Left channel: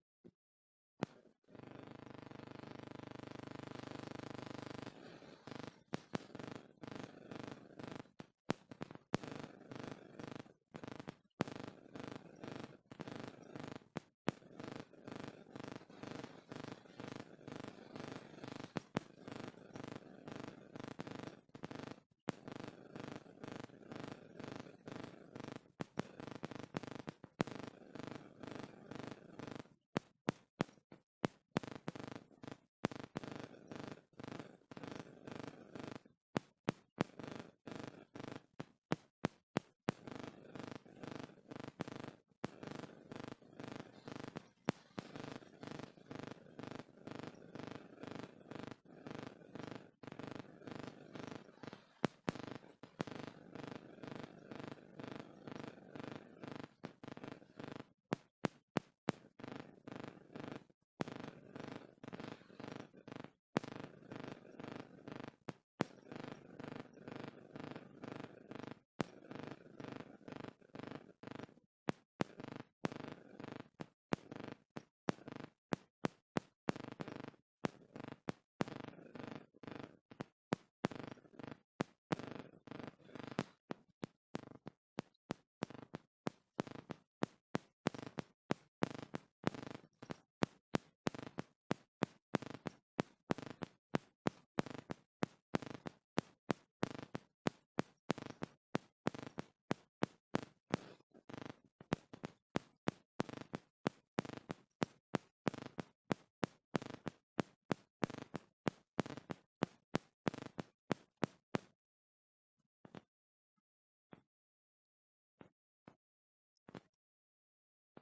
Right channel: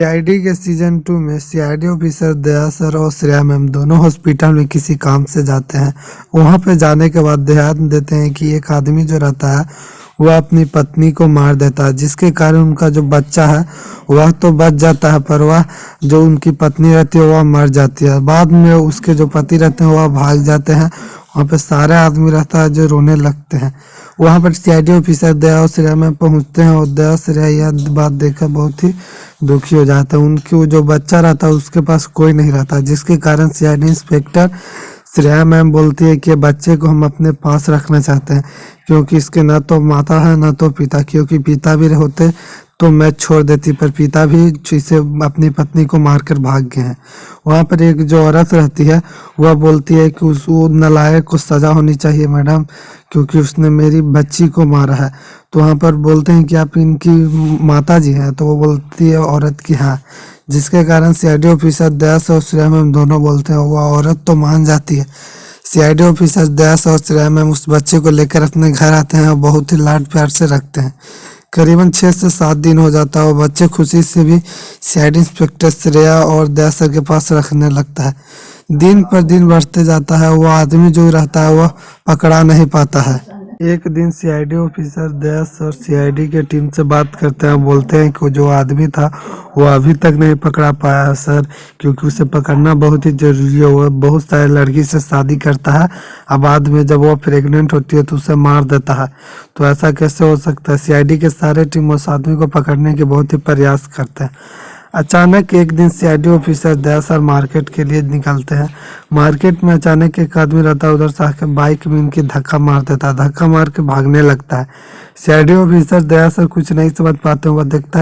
CID के season 2 में CID officer दया sir और श्रेया मैम दोनों हॉस्पिटल में किसी काम से जाते हैं। वहां पे जाने के बाद ध्यान देते हैं कि एक आदमी जो रहता है वह अपनी पत्नी को मार देता है, जिसके कारण उनका जो बच्चा है वह तो बच जाता है, पर वह जो उनकी पत्नी रहती है वह मर जाती है। बाद में उसके जो पति रहते हैं वह भाग जाते हैं। वहाँ पे सारे आदमी रहता है जो रोने लगते हैं। वहाँ पर सीआईडी ऑफिसर दया और श्रेया में पहुँचते हैं और दया श्रेया यह बात देखकर बहुत ही दुखी हो जाता है। उनकी जो बच्चा रहता है उसके पास कोई नहीं रहता, जिसके कारण सीआईडी इंस्पेक्टर श्रेया मैम बोलती है कि बच्चे को हम अपने पास रखना चाहते हैं, क्योंकि इसके न तो माता है न तो पिता, क्योंकि पिता भी होते तो मैं छोड़ देती, पर पिता भी इसे अपनी पत्नी को मारकर भाग गए हैं। वहाँ पर एक जो औरत रहती है वह बोलती है कि उस वो नालायक को सजा होनी चाहिए मैडम, क्योंकि उसने मेरी बच्ची को मारा है। तो वहाँ पर बोलते हैं कि आप इनकी माता जी हैं, तो वो बोलती है औरत की हाँ, जिसके कारण सीआईडी ऑफिसर दयास और श्रेया मैम दोनों बोलते हैं। वह औरत तो मान जाती है। सीआईडी ऑफिसर दयास और श्रेया मैम उस बच्चे को लेकर अपने घर आते हैं और बहुत ही लाड प्यार से रखते हैं। करीबन 6 से 7 दिन हो जाता है और बच्चे खुशी से भी सीआईडी इंस्पेक्टर श्रेया और दया सर के पास रखने लगता है। दिन पर दिन बढ़ते जाता है। वो आदमी जो रहता है वह पकड़ा नहीं पाता है। एक दिन सीआईडी ऑफिसर दया सर सीआईडी के टीम से बात करते हैं, बोलते हैं कि जो आदमी था वो अभी तक नहीं पकड़ा पाया है सर, क्योंकि उसे पकड़ना बहुत ही जरूरी है। वो बहुत सारे लड़की से शादी करता है और बाद में जब वो प्रेग्नेंट होती है तो उसे मार देता है। तो ऐसा कैसे हो सकता है? सीआईडी के सारे टीम उस आदमी को पकड़ने के बहुत ही प्रयास करते हैं। अचानक एक दिन सीआईडी ऑफिसर दया सर मार्केट के लिए निकलते हैं। मार्केट में अचानक एक आदमी रहता है, उधर से आके बाइक में इनकी धक्का मार देता है, धक्का मार के भागने लगता है। सीआईडी ऑफिसर दया सर कुछ नहीं समझ पाते, वह देखते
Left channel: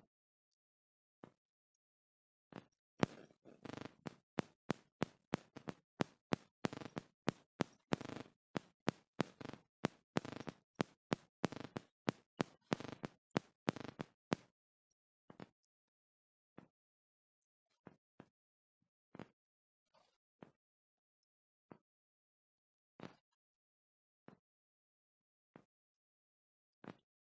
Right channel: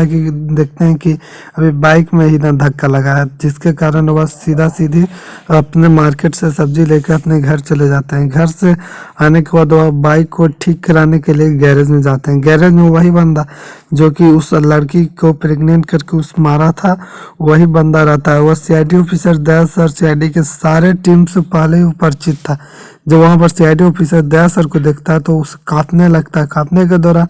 हैं कि अभी बाइक में ही ना धक्का लगा है, जिसके कारण वह सीधा सीधी अपने मार्केट से सब्जी लेकर अपने घर चले जाते हैं। घर से आने के बाद वह बाइक को ठीक कराने के लिए गैरेज में जाते हैं। गैरेज में वही बंदा जो कि उस लड़की को प्रेग्नेंट करके उस मारा था, वही बंदा रहता है। वह सीआईडी ऑफिसर दया सर सीआईडी के सारे टीम से पहले ही परिचित था। जब वहां पर सीआईडी ऑफिसर दया सर को देखता है तो उसे कांपने लगता है। कांपने के दौरान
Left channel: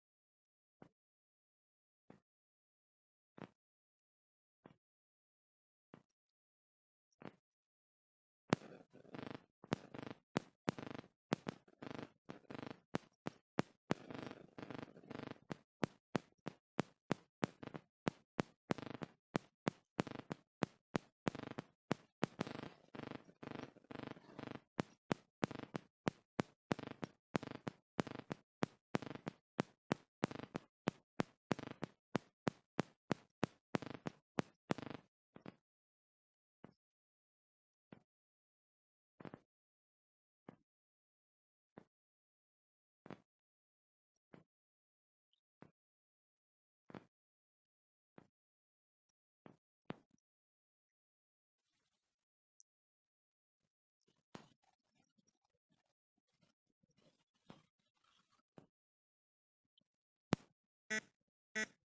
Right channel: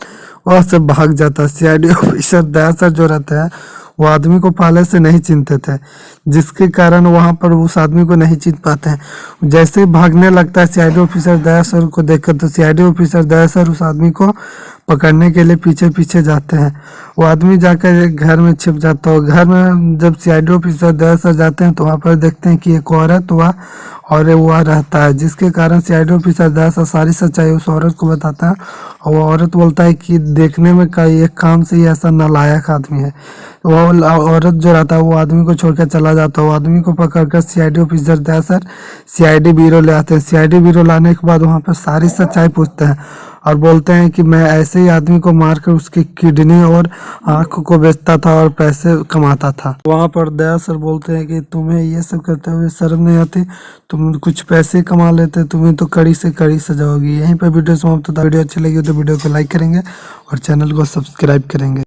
वह से भाग जाता है। सीआईडी ऑफिसर दया सर जो रहते हैं वो आदमी को पहले से नहीं चिनते थे, जिसके कारण वहां पर उस आदमी को नहीं चिन पाते हैं। जैसे ही भागने लगता है सीआईडी ऑफिसर दया सर को देखकर, तो सीआईडी ऑफिसर दया सर उस आदमी को पकड़ने के लिए पीछे पीछे जाते हैं। वो आदमी जाकर एक घर में छिप जाता है। घर में जब सीआईडी ऑफिसर दया सर जाते हैं तो वहाँ पर देखते हैं कि एक औरत वह रहता है, जिसके कारण सीआईडी ऑफिसर दया सर सारी सच्चाई उस औरत को बताता है। और वो औरत बोलता है कि देखने में कई एक काम से ही ऐसा नालायक आदमी है। वो औरत जो रहता है वो आदमी को छोड़कर चला जाता है। वो आदमी को पकड़कर सीआईडी ऑफिसर दया सर सीआईडी ब्यूरो ले आते हैं। सीआईडी ब्यूरो लाने के बाद वहाँ पर सारी सच्चाई पूछते हैं और बोलते हैं कि मैं ऐसे ही आदमी को मारकर उसकी किडनी और आँख को बेचता था और पैसे कमाता था। वहाँ पर दया सर बोलते हैं कि तुम्हें ये सब करते हुए शर्म नहीं आती? तुम कुछ पैसे कमा लेते, तुम्हें तो कड़ी से कड़ी सजा होगी। यहीं पर वीडियो समाप्त होता है। वीडियो अच्छी लगी हो तो वीडियो को लाइक करेंगे और चैनल को सब्सक्राइब करेंगे।